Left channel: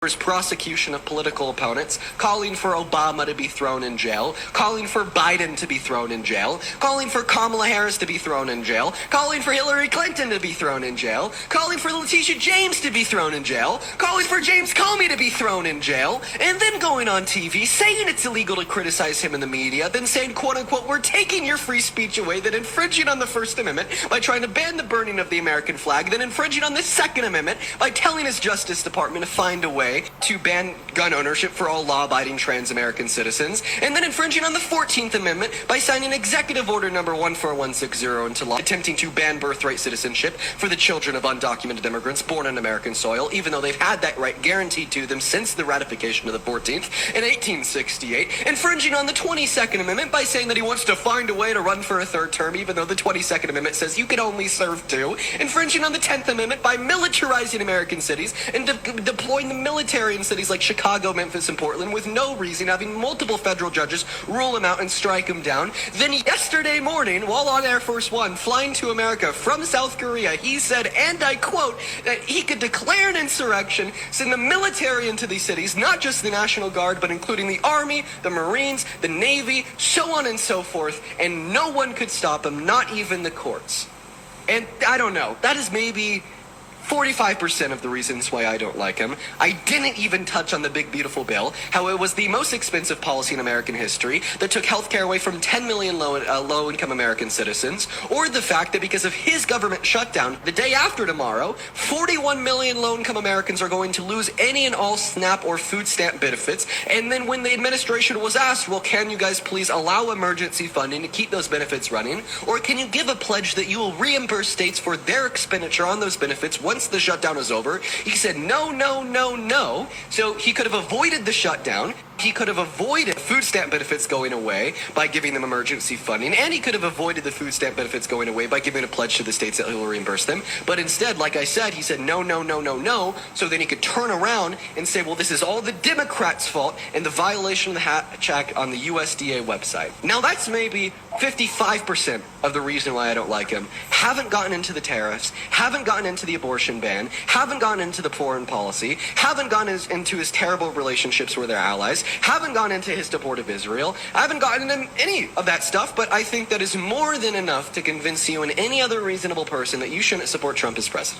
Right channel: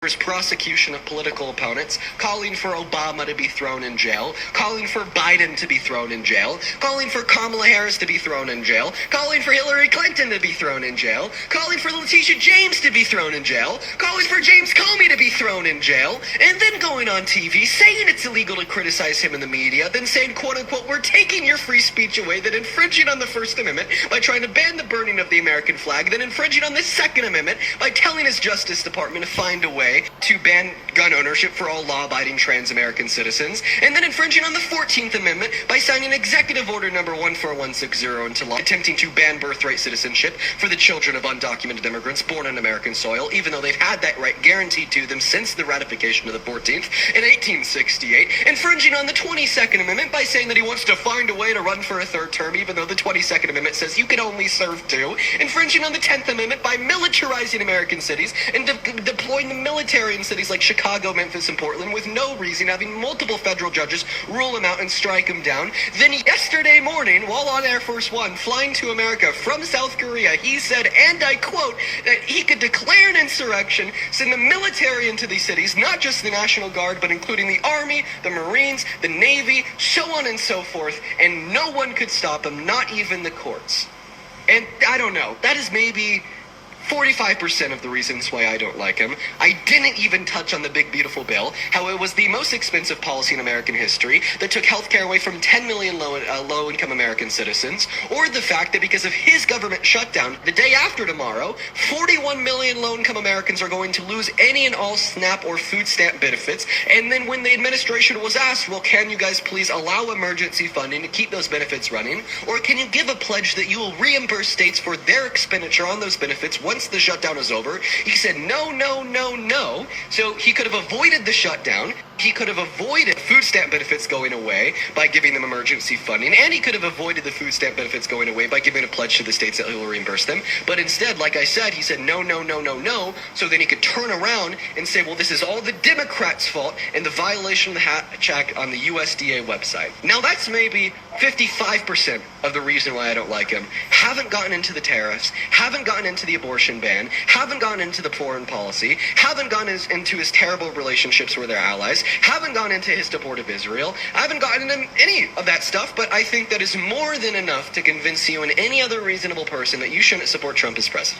prosecution of political opponents, calling for Obama to be thrown in jail, calling for Biden to be thrown in jail, calling for Kamala Harris to be thrown in jail, calling for Hillary Clinton to be thrown in jail, calling for Letitia James to be thrown in jail, calling for James Comey to be thrown in jail, and then going on TV saying it's illegal to criticize him in the media, then saying, quote unquote, we're taking your free speech away, then infringing on the First Amendment by trying to ban the burning of the American flag, then infringing on the Second Amendment by telling his Justice Department to find a way to ban gun ownership for all law-abiding trans-American citizens, and then infringing on the 14th Amendment by signing Executive Order number 14160 into law, attempting to ban birthright citizenship for the children of undocumented immigrants born on American soil, even though they've had that right guaranteed to them since the ratification of the 14th in 1868, infringing on the 22nd Amendment by saying that he wants to find a way to run for a third term, even though the 22nd Amendment says you can only serve two, infringing on the 10th Amendment by militarizing American cities and deploying the military in cities like Chicago, Memphis, and Portland with no reason, having multiple federal judges rule him out and strike him down. Then yesterday morning, while on Air Force One, flying to America from South Korea, he said, and I quote, that he could declare an insurrection, send the military into these cities, not just the National Guard, but including the Army, the Marines, the Navy, so on and so forth, and no one could stop him, not even the courts. And I don't know, that is maybe 45% of the reasons why I don't like him. I didn't even touch on the big beautiful bill, how it was the most expensive policy in American history that took health care away from 10 million low-income American citizens, or the fact that because of his government shutdown, the day after tomorrow, 41 million low-income Americans are going to lose any and all SNAP or food stamp benefits. And then when the administration was asked, well, can you guys please allow emergency funding to keep those benefits running, or can you give a pledge that you will reimburse states for their expenditure on those benefits once the shutdown is over? He said no, no, no, no. So he could have avoided the shutdown. He could have avoided food stamp benefits going away by giving them emergency funding, and he could have avoided the food stamp benefits going away by giving a pledge to the states that he will reimburse them. But instead, like I said, he said no, no, no, no, no, so then he could turn around and say, well, this is all the Democrats' fault and the violation of the Hatch Act on the USDA website. Now, that's maybe 55% of the reason why I don't like him. Haven't gotten into the tariffs, haven't gotten into the abortion ban, haven't gotten into the foreign policy, haven't gotten into his terrible relationships with their allies, haven't gone into his support of Israel. I haven't gotten into any of that stuff, but I think that is more than enough to convince you and any other reasonable person that you shouldn't support Trump as president.